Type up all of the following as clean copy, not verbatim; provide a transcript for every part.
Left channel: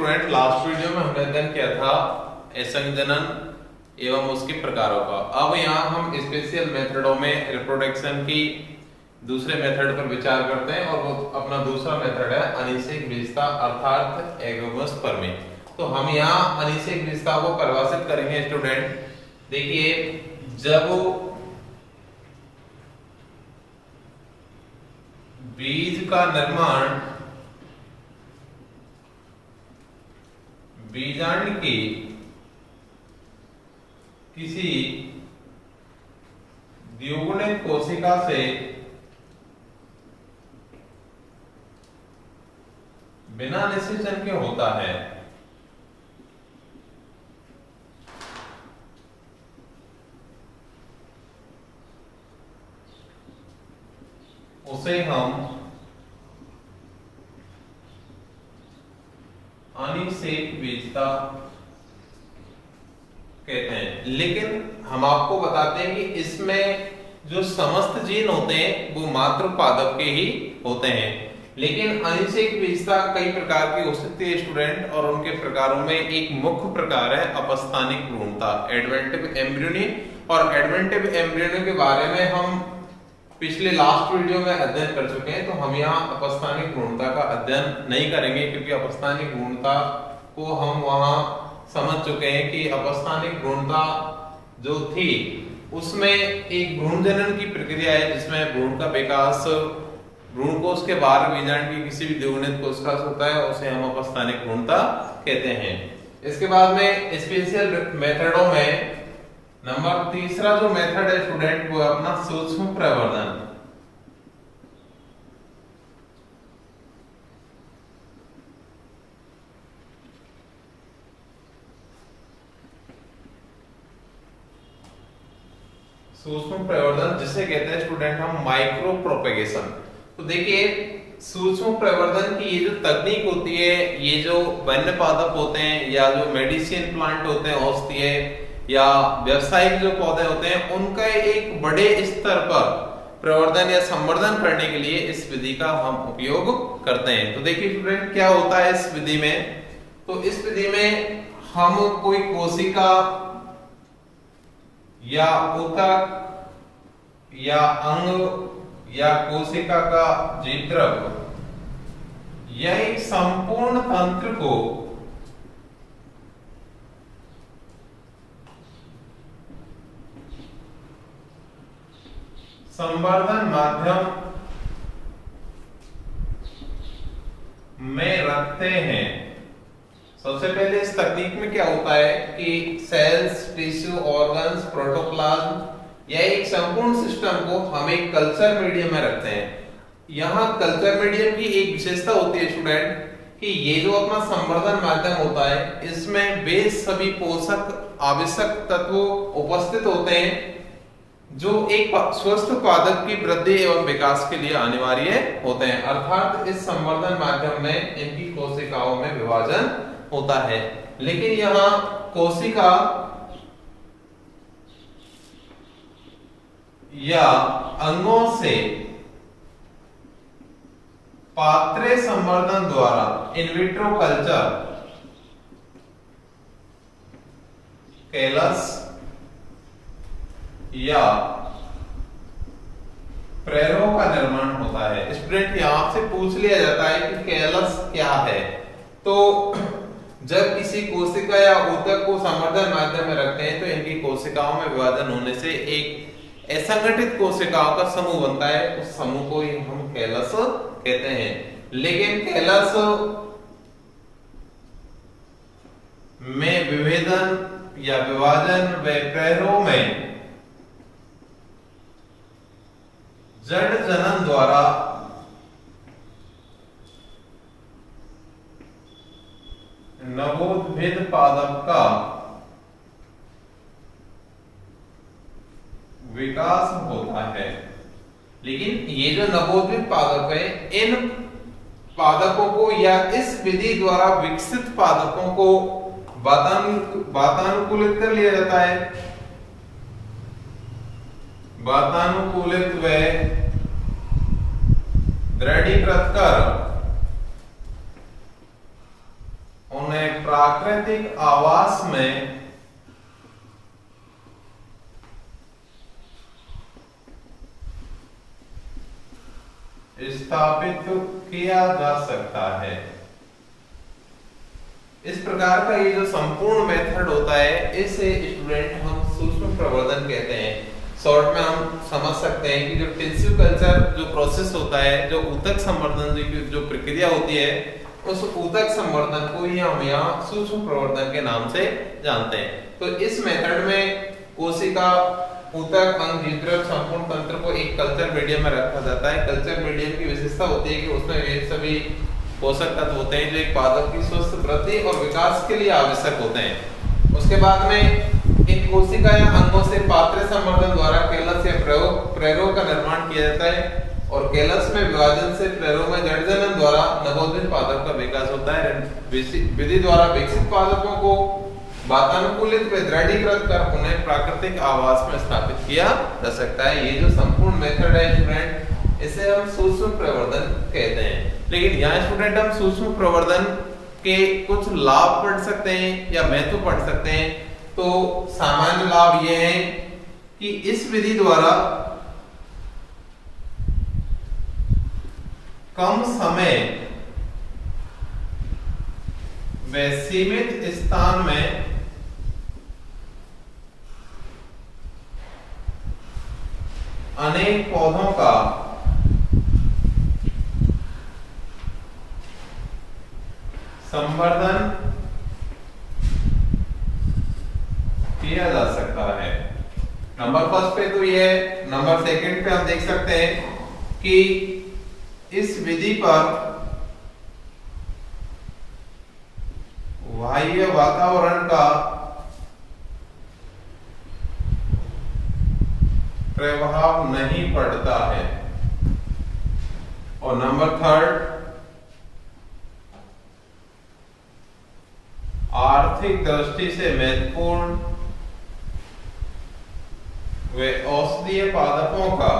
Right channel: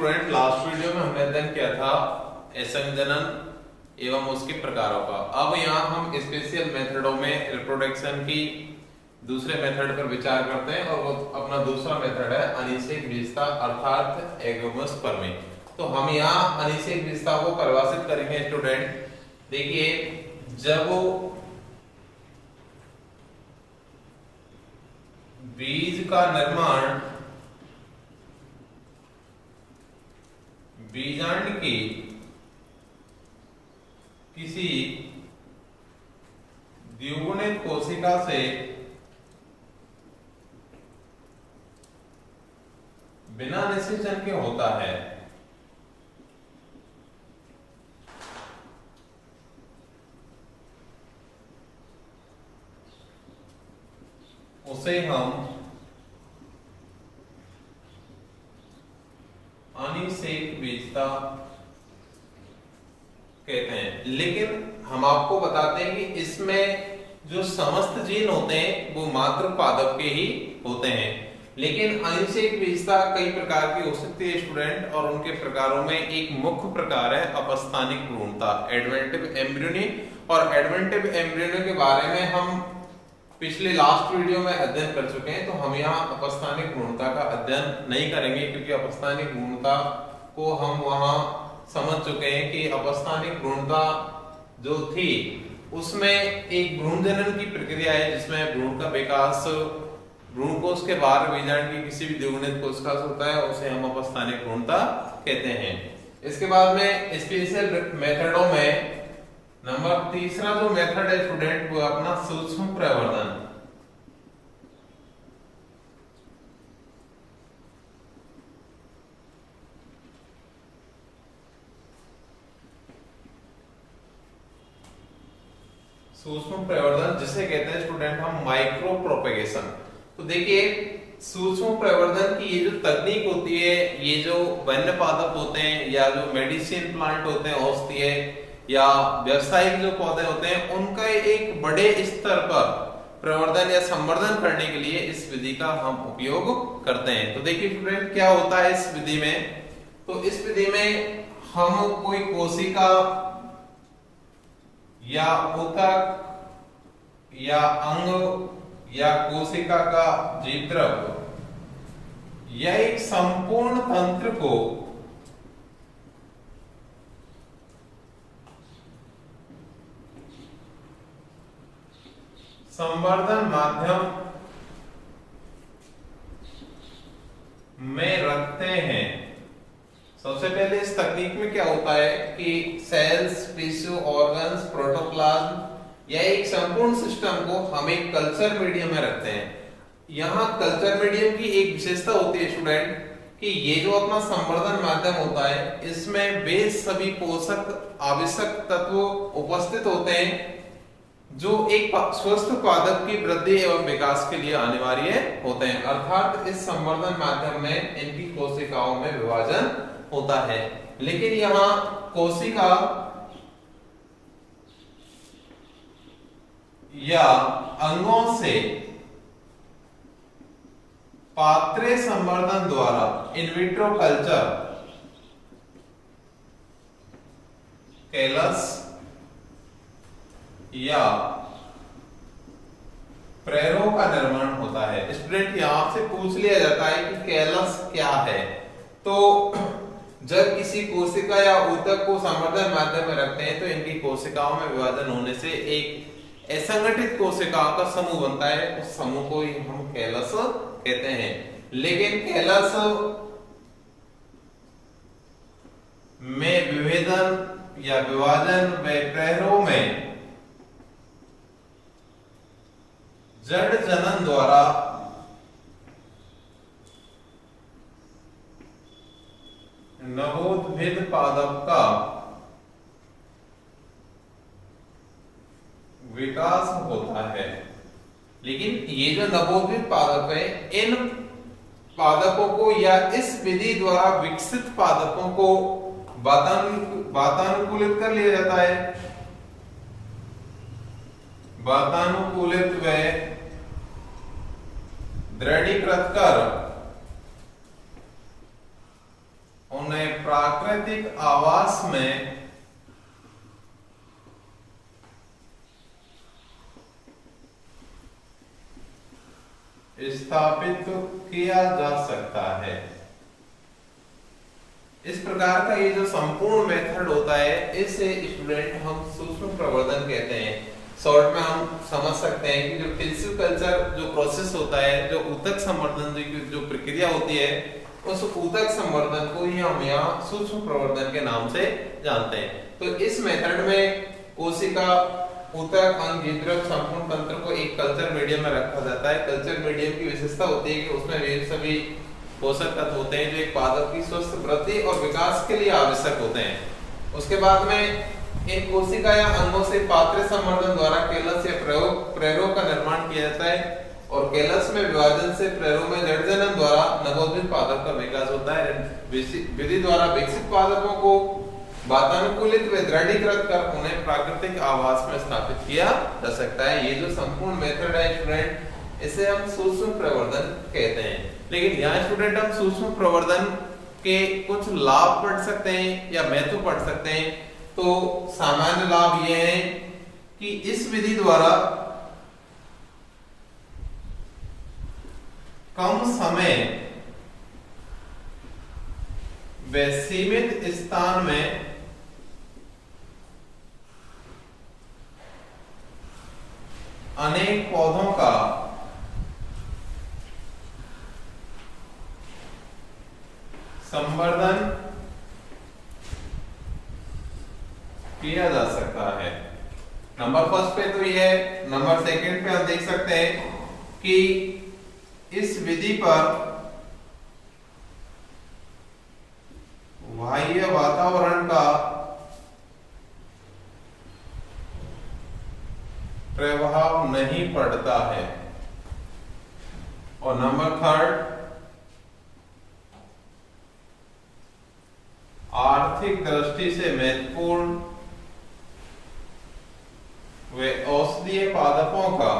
Student, last video में हमने अध्ययन किया था असंजनन एवं उसके प्रकारों का। अब यहाँ हम स्पेशल मेथडों में रिप्रोडक्शन की दूसरे मेथड पर विचार करते हैं और वो अपना दूसरा मेथड है अनिषेक विशेषता अर्थात एगोमस परमे। तो हम यहाँ अनिषेक विशेषता को परिभाषित करेंगे स्टूडेंट। देखिए, जब बीज का निर्माण बीजांड की किसी द्विगुणित कोशिका से बिना निषेचन के होता है, उसे हम अनिषेक विशेषता कहते हैं। लेकिन हम आपको बताते हैं कि इसमें जो समस्त जीन होते हैं वो मात्र पादप के ही होते हैं। लेकिन अनिषेक विशेषता कई प्रकार की हो सकती है स्टूडेंट, और उनके प्रकारों में एक मुख्य प्रकार है अपस्थानिक भ्रूणता, एडवेंटिव एम्ब्रियोनी। और एडवेंटिव एम्ब्रियोनी के बारे में हम पिछले लास्ट वीडियो में अध्ययन कर चुके हैं, तो हम यहाँ अपस्थानिक भ्रूणता का अध्ययन नहीं करेंगे, क्योंकि अपस्थानिक भ्रूणता को हम वहां समझ चुके हैं कि अपस्थानिक भ्रूणता जो थी उसमें एक भ्रूण जनन की प्रक्रिया है जिसमें भ्रूण का विकास भ्रूण कोश के बाहर बीजांड की किसी भी द्विगुणित कोशिका से होता है, उसे हम अपस्थानिक भ्रूणता कहते हैं। इसके बाद में स्पेशल मेथडों में नंबर तीसरा जो मेथड है स्टूडेंट वो अपना सूक्ष्म प्रवर्धन। सूक्ष्म प्रवर्धन जिसे कहते हैं स्टूडेंट हम माइक्रो प्रोपेगेशन। तो देखिए, सूक्ष्म प्रवर्धन की ये जो तकनीक होती है, ये जो वन्य पादप होते हैं या जो मेडिसिन प्लांट होते हैं, औषधीय या व्यावसायिक जो पौधे होते हैं, उनका एक बड़े स्तर पर प्रवर्धन या संवर्धन करने के लिए इस विधि का हम उपयोग करते हैं। तो देखिए स्टूडेंट, क्या होता है इस विधि में। तो इस विधि में हम कोई कोशिका या ऊतक या अंग या कोशिका का जीवद्रव्य या एक संपूर्ण तंत्र को संवर्धन माध्यम में रखते हैं। सबसे पहले इस तकनीक में क्या होता है कि सेल्स, टिश्यू, ऑर्गन्स, प्रोटोप्लाज्म या एक संपूर्ण सिस्टम को हम एक कल्चर मीडियम में रखते हैं। यहाँ कल्चर मीडियम की एक विशेषता होती है स्टूडेंट कि ये जो अपना संवर्धन माध्यम होता है, इसमें वे सभी पोषक आवश्यक तत्व उपस्थित होते हैं जो एक स्वस्थ पादप की वृद्धि एवं विकास के लिए अनिवार्य होते हैं। अर्थात इस संवर्धन माध्यम में इनकी कोशिकाओं में विभाजन होता है। लेकिन यहाँ कोशिका या अंगों से पात्रे संवर्धन द्वारा इन विट्रो कल्चर, कैलस या प्रेरो का निर्माण होता है। स्टूडेंट यहां से पूछ लिया जाता है कि कैलस क्या है। तो जब किसी कोशिका या ऊतक को संवर्धन माध्यम में रखते हैं तो इनकी कोशिकाओं में विभाजन होने से एक असंगठित कोशिकाओं का समूह बनता है, उस समूह को ही हम कैलस कहते हैं। लेकिन कैलस में विभेदन या विभाजन व प्रेरो में जड़ जनन द्वारा नवोद्भिद पादप का विकास होता है। लेकिन ये जो नवोद्भिद पादप है, इन पादपों को या इस विधि द्वारा विकसित पादपों को वातानुकूलित कर लिया जाता है। वातानुकूलित व दृढ़ीकृत कर उन्हें प्राकृतिक आवास में स्थापित किया जा सकता है। इस प्रकार का ये जो संपूर्ण मेथड होता है इसे स्टूडेंट हम सूक्ष्म प्रवर्धन कहते हैं। शॉर्ट में हम समझ सकते हैं कि जो टिश्यू कल्चर जो प्रोसेस होता है, जो ऊतक संवर्धन जो प्रक्रिया होती है, उस ऊतक संवर्धन को ही हम यहाँ सूक्ष्म प्रवर्धन के नाम से जानते हैं। तो इस मेथड में कोशिका, ऊतक, अंग, जीवद्रव्य, संपूर्ण तंत्र को एक कल्चर मीडियम में रखा जाता है। कल्चर मीडियम की विशेषता होती है कि उसमें वे सभी पोषक तत्व होते हैं जो एक पादप की स्वस्थ वृद्धि और विकास के लिए आवश्यक होते हैं। उसके बाद में इन कोशिका या अंगों से पात्र संवर्धन द्वारा केलस या प्रेरों का निर्माण किया जाता है और केलस में विभाजन से प्रेरों में जड़ जनन द्वारा नवोदित पादप का विकास होता है। विधि द्वारा विकसित पादपों को वातानुकूलित व दृढ़ीकृत कर उन्हें प्राकृतिक आवास में स्थापित किया जा सकता है। ये जो संपूर्ण मेथड है स्टूडेंट, इसे हम सूक्ष्म प्रवर्धन कहते हैं। लेकिन यहाँ स्टूडेंट हम सूक्ष्म प्रवर्धन के कुछ लाभ पढ़ सकते हैं या महत्व पढ़ सकते हैं। तो सामान्य लाभ ये है कि इस विधि द्वारा कम समय व सीमित स्थान में अनेक पौधों का संवर्धन किया जा सकता है। नंबर फर्स्ट पे तो ये है। नंबर सेकंड पे आप देख सकते हैं कि इस विधि पर बाह्य वातावरण का प्रभाव नहीं पड़ता है। और नंबर थर्ड, आर्थिक दृष्टि से महत्वपूर्ण वे औषधीय पादपों का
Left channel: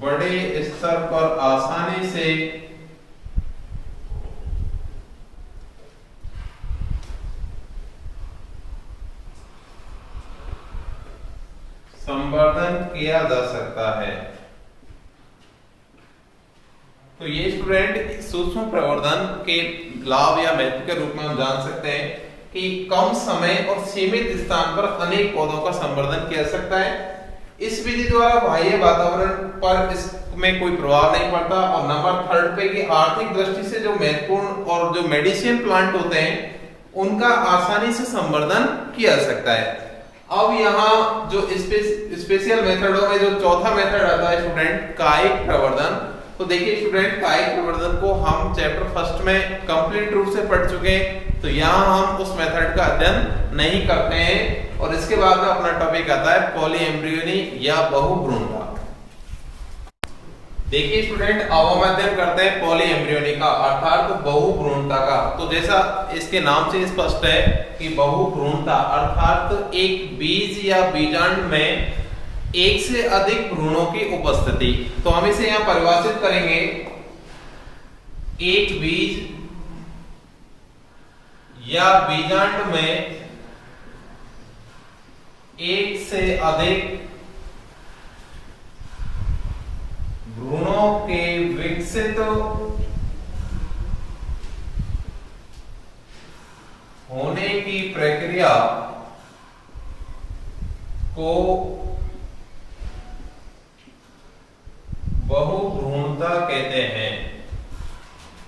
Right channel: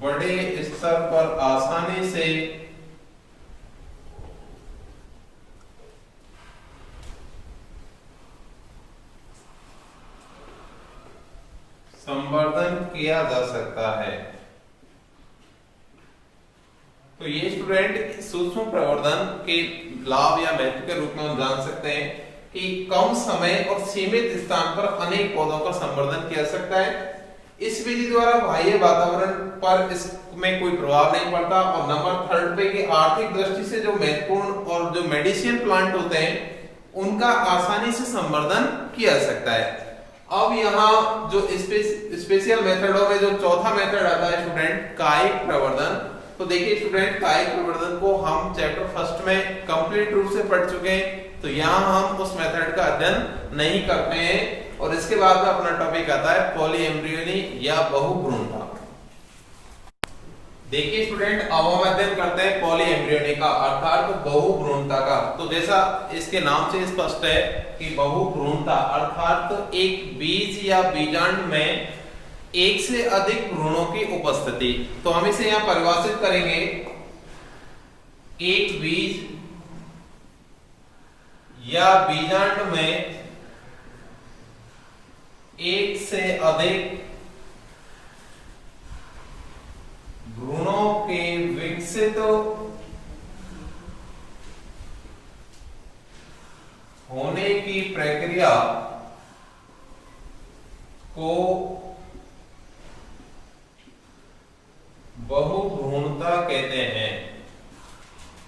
बड़े स्तर पर आसानी से संवर्धन किया जा सकता है। तो ये स्टूडेंट सूक्ष्म प्रवर्धन के लाभ या महत्व के रूप में हम जान सकते हैं कि कम समय और सीमित स्थान पर अनेक पौधों का संवर्धन किया जा सकता है। इस विधि द्वारा बाह्य वातावरण पर इसमें कोई प्रभाव नहीं पड़ता। और नंबर थर्ड पे कि आर्थिक दृष्टि से जो महत्वपूर्ण और जो मेडिसिन प्लांट होते हैं उनका आसानी से संवर्धन किया जा सकता है। अब यहाँ जो स्पेशल मेथडों में जो चौथा मेथड आता है स्टूडेंट, कायिक प्रवर्धन। तो देखिए स्टूडेंट, कायिक प्रवर्धन को हम चैप्टर फर्स्ट में कंप्लीट रूप से पढ़ चुके हैं, तो यहाँ हम उस मेथड का अध्ययन नहीं करते हैं। और इसके बाद में अपना टॉपिक आता है पॉलीएम्ब्रियोनी या बहुभ्रूणता। देखिए स्टूडेंट, अब हम अध्ययन करते हैं पॉलीएम्ब्रियोनी का अर्थात बहुभ्रूणता का। तो जैसा इसके नाम से स्पष्ट है कि बहुभ्रूणता अर्थात एक बीज या बीजांड में एक से अधिक भ्रूणों की उपस्थिति। तो हम इसे यहां परिभाषित करेंगे, एक बीज या बीजांड में एक से अधिक भ्रूणों के विकसित होने की प्रक्रिया को बहुभ्रूणता कहते हैं।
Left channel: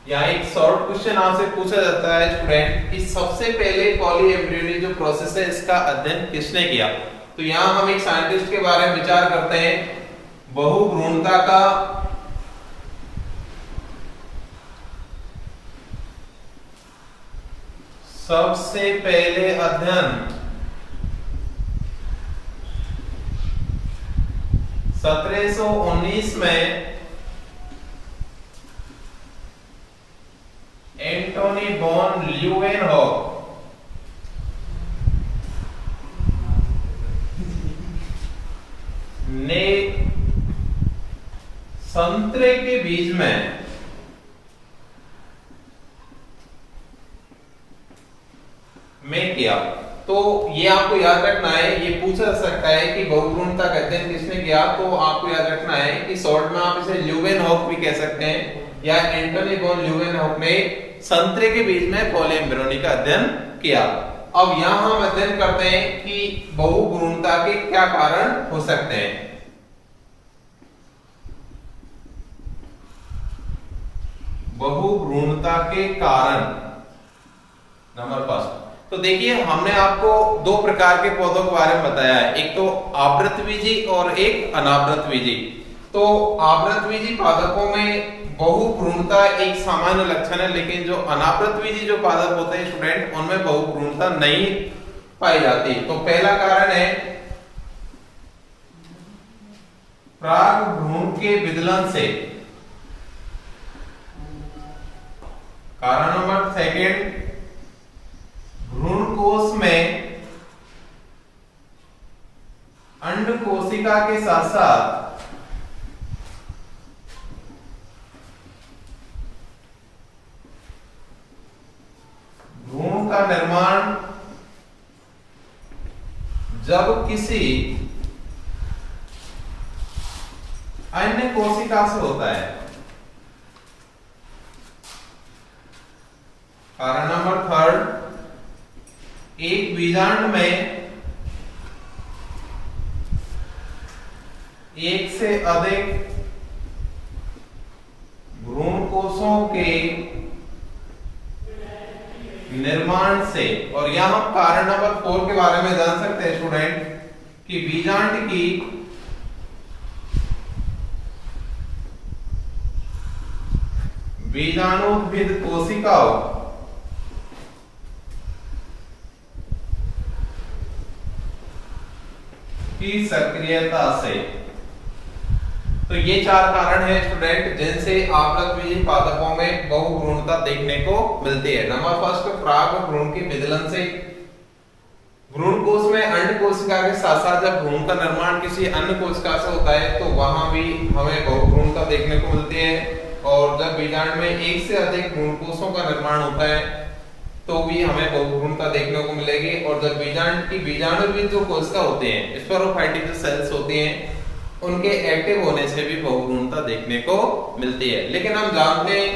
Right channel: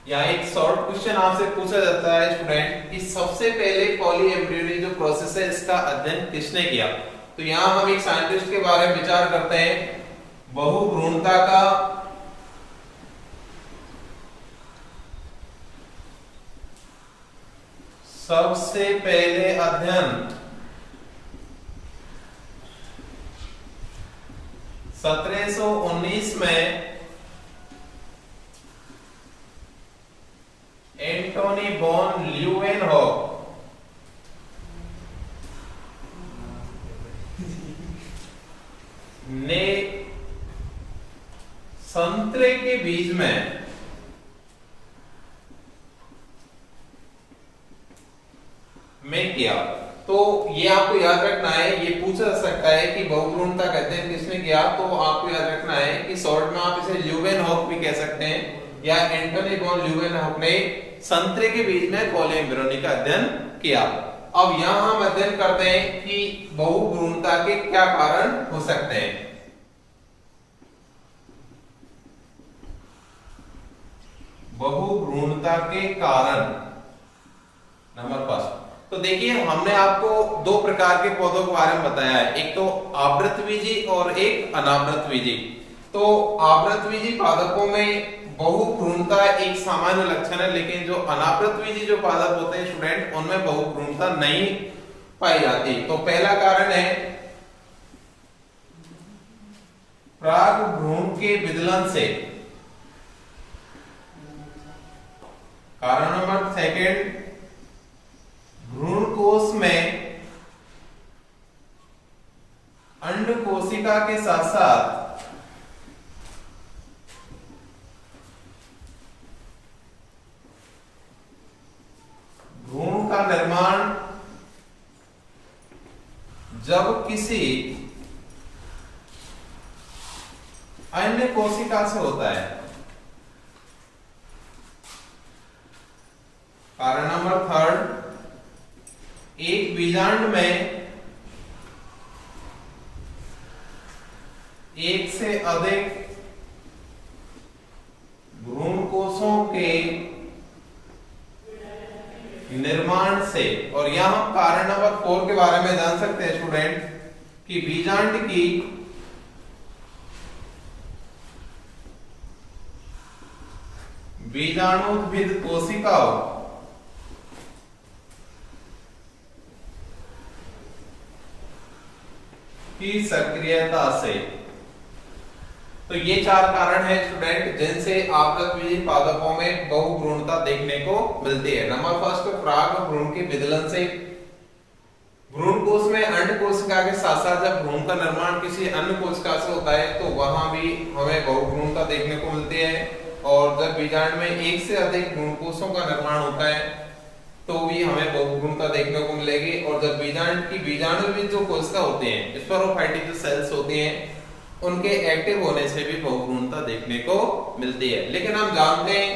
यहाँ एक शॉर्ट क्वेश्चन आपसे पूछा जाता है स्टूडेंट कि सबसे पहले पॉलीएम्ब्रियोनी जो प्रोसेस है इसका अध्ययन किसने किया। तो यहाँ हम एक साइंटिस्ट के बारे में विचार करते हैं। बहुभ्रूणता का सबसे पहले अध्ययन 1719 में एंटोनी वॉन ल्यूवेनहॉक ने संतरे के बीज में किया। तो ये आपको याद रखना है, ये पूछा जा सकता है कि बहुभ्रूणता कहते हैं किसने किया, तो आपको याद रखना है कि शॉर्ट में आप इसे ल्यूवेनहॉक भी कह सकते हैं, या एंटोनी वॉन ल्यूवेनहॉक ने संतरे के बीज में पॉलीएम्ब्रियोनी का अध्ययन किया। अब यहां हम अध्ययन करते हैं कि बहुभ्रूणता के क्या कारण हो सकते हैं। बहुभ्रूणता के कारण नंबर फर्स्ट, तो देखिए हमने आपको दो प्रकार के पौधों के बारे में बताया है, एक तो आवृतबीजी और एक अनावृतबीजी। तो आवृतबीजी पादपों में बहुभ्रूणता एक सामान्य लक्षण है, लेकिन जो अनावृतबीजी जो पादप होते हैं स्टूडेंट, उनमें बहुभ्रूणता नहीं पाई जाती। तो पहला कारण है परागभ्रूण के विदलन से। कारण नंबर सेकंड, भ्रूण कोश में अंड कोशिका के साथ साथ भ्रूण का निर्माण जब किसी अन्य कोशिका से होता है। कारण नंबर थर्ड, एक बीजांड में एक से अधिक भ्रूण कोषों के निर्माण से। और यहां हम कारण नंबर 4 के बारे में जान सकते हैं स्टूडेंट कि बीजांड की बीजाणुद्भिद कोशिकाओं की सक्रियता से। तो ये चार कारण हैं स्टूडेंट जिनसे आवृतबीजी पादपों में बहुभ्रूणता देखने को मिलती है। नंबर फर्स्ट, परागभ्रूण के विदलन से। भ्रूण कोश में अंड कोशिका के साथ साथ जब भ्रूण का निर्माण किसी अन्य कोशिका से होता है तो वहां भी हमें बहुभ्रूणता देखने को मिलती है। और जब बीजांड में एक से अधिक भ्रूण कोषों का निर्माण होता है तो भी हमें बहुभ्रूणता देखने को मिलेगी। और जब बीजांड की बीजाणुविद जो कोशिका होते हैं, स्पेरोफाइटिक जो सेल्स होती हैं, उनके एक्टिव होने से भी बहुभ्रूणता देखने को मिलती है। लेकिन हम जानते हैं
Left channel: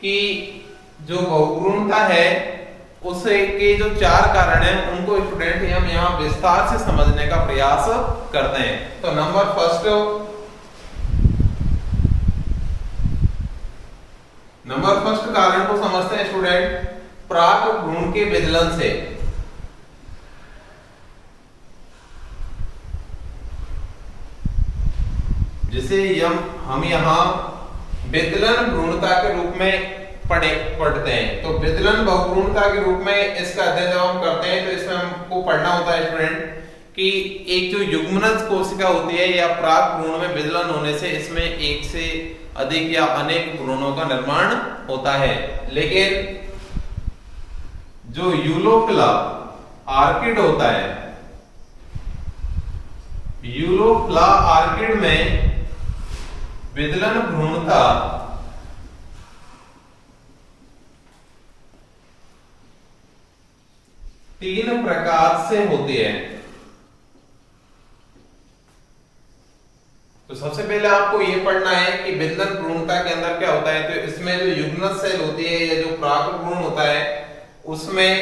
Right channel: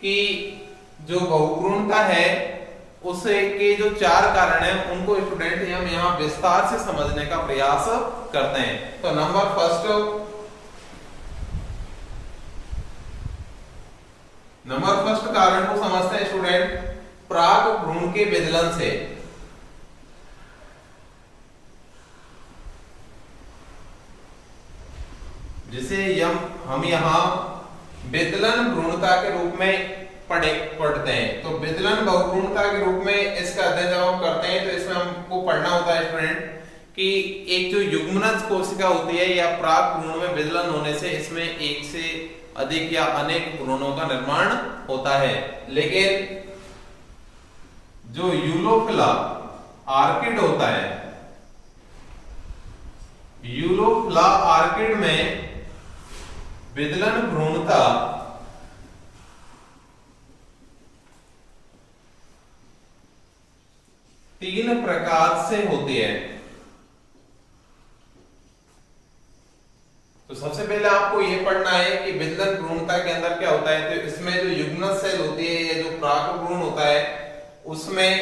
कि जो बहुभ्रूणता है उसे के जो चार कारण हैं उनको स्टूडेंट हम यहाँ विस्तार से समझने का प्रयास करते हैं। तो नंबर फर्स्ट कारण को समझते हैं स्टूडेंट, परागभ्रूण के विदलन से। जिसे हम यहाँ विदलन भ्रूणता के रूप में पढ़ते हैं। तो विदलन बहुभ्रूणता के रूप में इसका अध्ययन जब हम करते हैं तो इसमें हमको पढ़ना होता है स्टूडेंट कि एक जो युग्मनज कोशिका होती है या परागभ्रूण में विदलन होने से इसमें एक से अधिक या अनेक भ्रूणों का निर्माण होता है। लेकिन जो यूलोफिला आर्किड होता है, यूलोफिला आर्किड में विदलन भ्रूणता तीन प्रकार से होती है। तो सबसे पहले आपको यह पढ़ना है कि विदलन भ्रूणता के अंदर क्या होता है। तो इसमें जो युग्मनज सेल होती है या जो परागभ्रूण होता है उसमें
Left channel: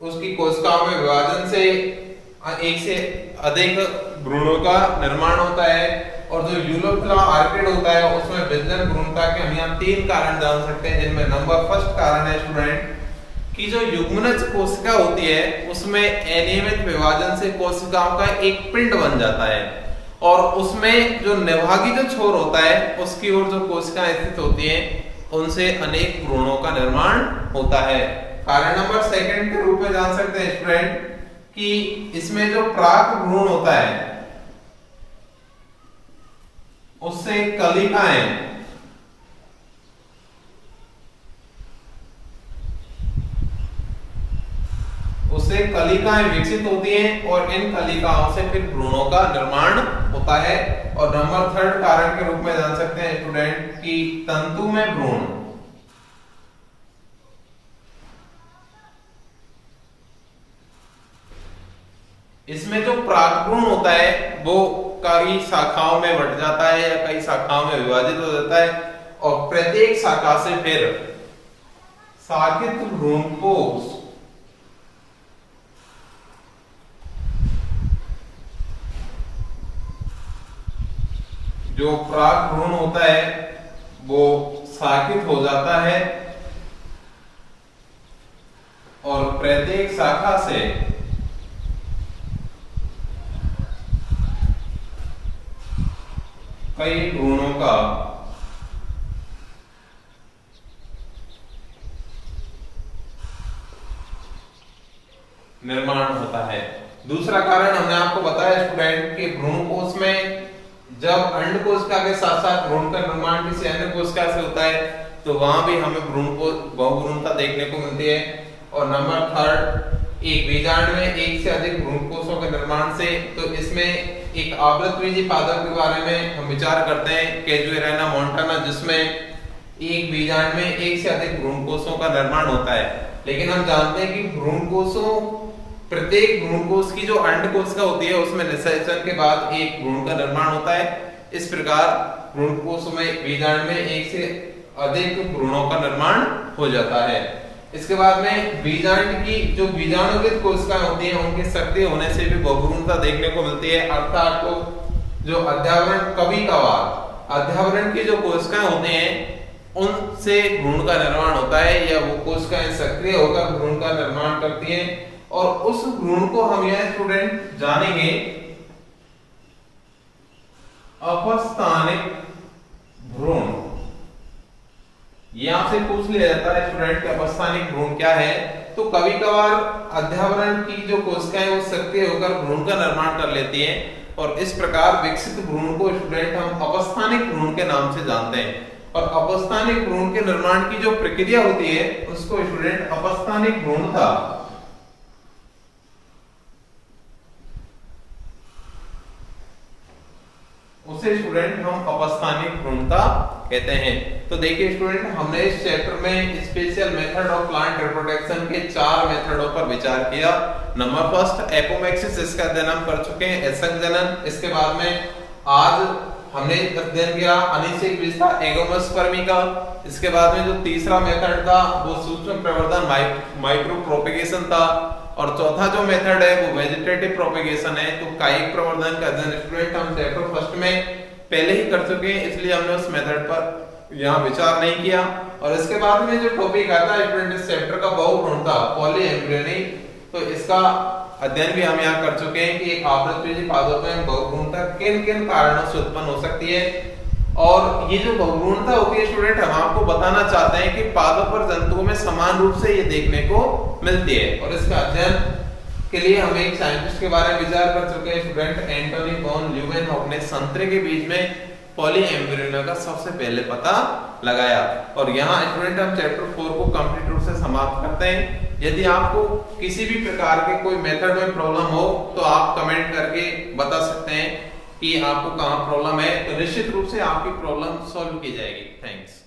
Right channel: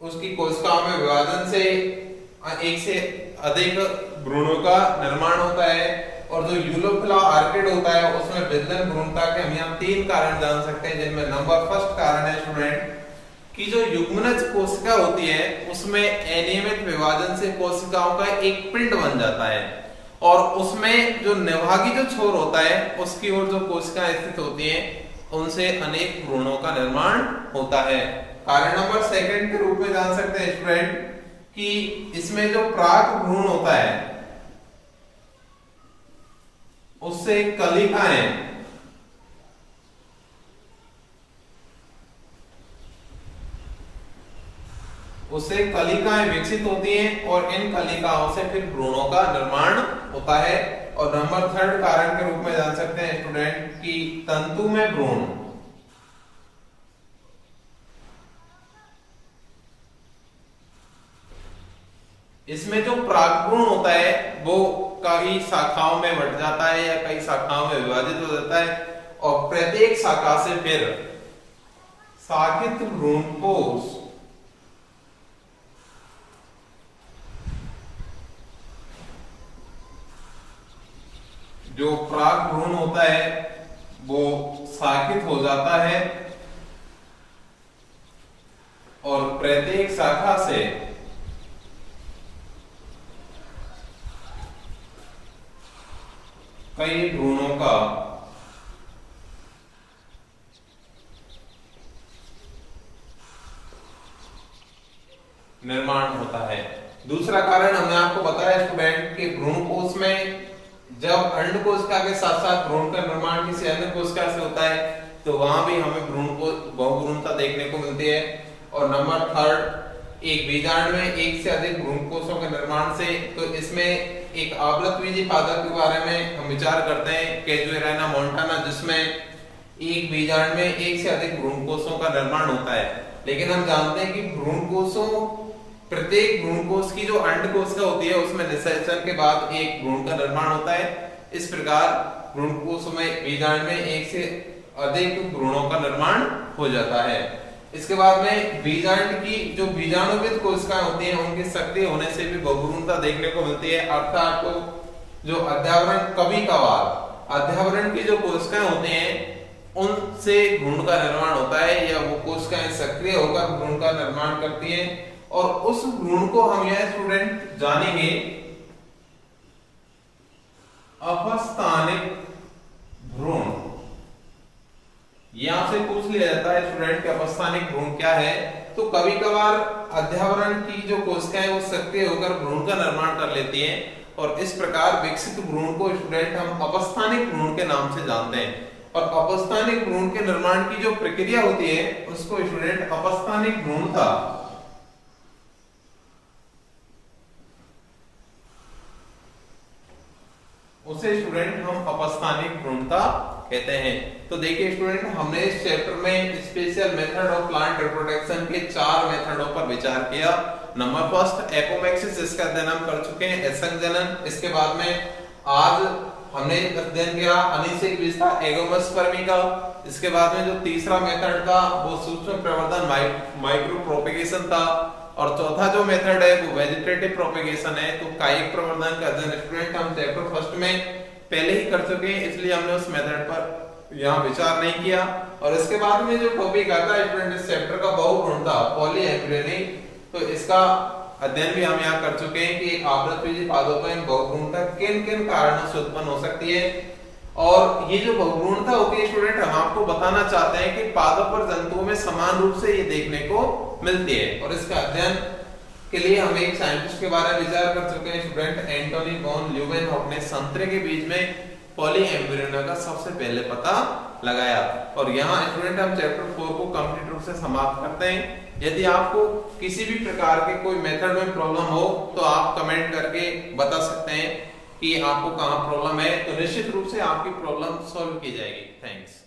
उसकी कोशिकाओं में विभाजन से एक से अधिक भ्रूणों का निर्माण होता है। और जो यूलोफिला आर्किड होता है उसमें विदलन भ्रूणता के हम यहाँ तीन कारण जान सकते हैं, जिनमें नंबर फर्स्ट कारण है स्टूडेंट कि जो युग्मनज कोशिका होती है उसमें अनियमित विभाजन से कोशिकाओं का एक पिंड बन जाता है और उसमें जो निभागी जो छोर होता है उसकी ओर जो कोशिकाएं स्थित होती हैं उनसे अनेक भ्रूणों का निर्माण होता है। कारण नंबर सेकंड के रूप में जान सकते हैं स्टूडेंट कि इसमें जो परागभ्रूण होता है उससे कलिकाएं उससे से कलिकाएं विकसित होती हैं और इन कलिकाओं से फिर भ्रूणों का निर्माण होता है। और नंबर 3 कारण के रूप में जान सकते हैं स्टूडेंट कि तंतु में भ्रूण। इसमें जो प्रागभ्रूण होता है वो कई शाखाओं में बंट जाता है या कई शाखाओं में विभाजित हो जाता है और प्रत्येक शाखा से फिर शाखित भ्रूणकोश जो प्रागभ्रूण होता है वो शाखित हो जाता है और प्रत्येक शाखा से कई भ्रूणों का निर्माण होता है। दूसरा कारण हमने आपको बताया स्टूडेंट कि भ्रूणकोश में जब अंडकोशिका के साथ साथ भ्रूण का निर्माण किसी अन्य कोशिका से होता है तो वहां भी हमें बहुभ्रूणता देखने को मिलती है। और नंबर 3 एक बीजांड में एक से अधिक भ्रूणकोशों के निर्माण से, तो इसमें एक आवृतबीजी पादप के बारे में हम विचार करते हैं कैजुएराना मोंटाना, जिसमें एक बीजांड में एक से अधिक भ्रूणकोशों का निर्माण होता है। लेकिन हम जानते हैं कि भ्रूणकोशों, प्रत्येक भ्रूणकोश की जो अंडकोशिका होती है उसमें निषेचन के बाद एक भ्रूण का निर्माण होता है। इस प्रकार भ्रूणकोशों में बीजांड में एक से अधिक भ्रूणों का निर्माण हो जाता है। इसके बाद में बीजांड की जो बीजाणुविद कोशिकाएं होती हैं उनके सक्रिय होने से भी बहुभ्रूणता देखने को मिलती है। अर्थात तो जो अध्यावरण, कभी कभार अध्यावरण की जो कोशिकाएं होते हैं उनसे भ्रूण का निर्माण होता है या वो कोशिकाएं सक्रिय होकर भ्रूण का निर्माण करती हैं और उस भ्रूण को हम यह स्टूडेंट जानेंगे अपस्थानिक भ्रूण। यहां से पूछ लिया जाता है स्टूडेंट कि अपस्थानिक भ्रूण क्या है। तो कभी कभार अध्यावरण की जो कोशिकाएं वो सक्रिय होकर भ्रूण का निर्माण कर लेती हैं और इस प्रकार विकसित भ्रूण को स्टूडेंट हम अपस्थानिक भ्रूण के नाम से जानते हैं। और अपस्थानिक भ्रूण के निर्माण की जो प्रक्रिया होती है उसको स्टूडेंट अपस्थानिक भ्रूणता उसे स्टूडेंट हम अपस्थानिक भ्रूणता कहते हैं। तो देखिए स्टूडेंट, हमने इस चैप्टर में special method of plant reproduction के 4 मेथडों पर विचार किया। नंबर 1 एपोमेक्सिस, इसका अध्ययन हम कर चुके हैं, असंजनन। इसके बाद में आज हमने अध्ययन किया अनिषेक विस्तार एगोमोस्पर्मी का। इसके बाद में जो तीसरा मेथड था वो सूक्ष्म प्रवर्धन माइक्रो प्रोपेगेशन था और चौथा जो मेथड है वो वेजिटेटिव प्रोपेगेशन है। तो कायिक प्रवर्धन का अध्ययन स्टूडेंट हम चैप्टर 1 में पहले ही कर चुके हैं, इसलिए हमने उस मेथड पर यहाँ विचार नहीं किया। और इसके बाद में जो टॉपिक आता है स्टूडेंट इस चैप्टर का बहुभ्रूणता पॉलीएम्ब्रियोनी, तो इसका अध्ययन भी हम यहाँ कर चुके हैं कि एक आवृतबीजी पादप में बहुभ्रूणता किन किन कारणों से उत्पन्न हो सकती है। और ये जो बहुभ्रूणता होती है स्टूडेंट, हम आपको बताना चाहते हैं कि पादप और जंतुओं में समान रूप से ये देखने को मिलती है। और इसका अध्ययन के लिए हम एक साइंटिस्ट के बारे में विचार कर चुके हैं स्टूडेंट, एंटोनी वॉन ल्यूवेनहॉक ने संतरे के बीज में पॉलीएम्ब्रियोनी का सबसे पहले पता लगाया। और यहाँ स्टूडेंट हम चैप्टर 4 को कंप्लीट रूप से समाप्त करते हैं। यदि आपको किसी भी प्रकार के कोई मेथड में प्रॉब्लम हो तो आप कमेंट करके बता सकते हैं कि आपको कहाँ प्रॉब्लम है, तो निश्चित रूप से आपकी प्रॉब्लम सॉल्व की जाएगी। थैंक्स।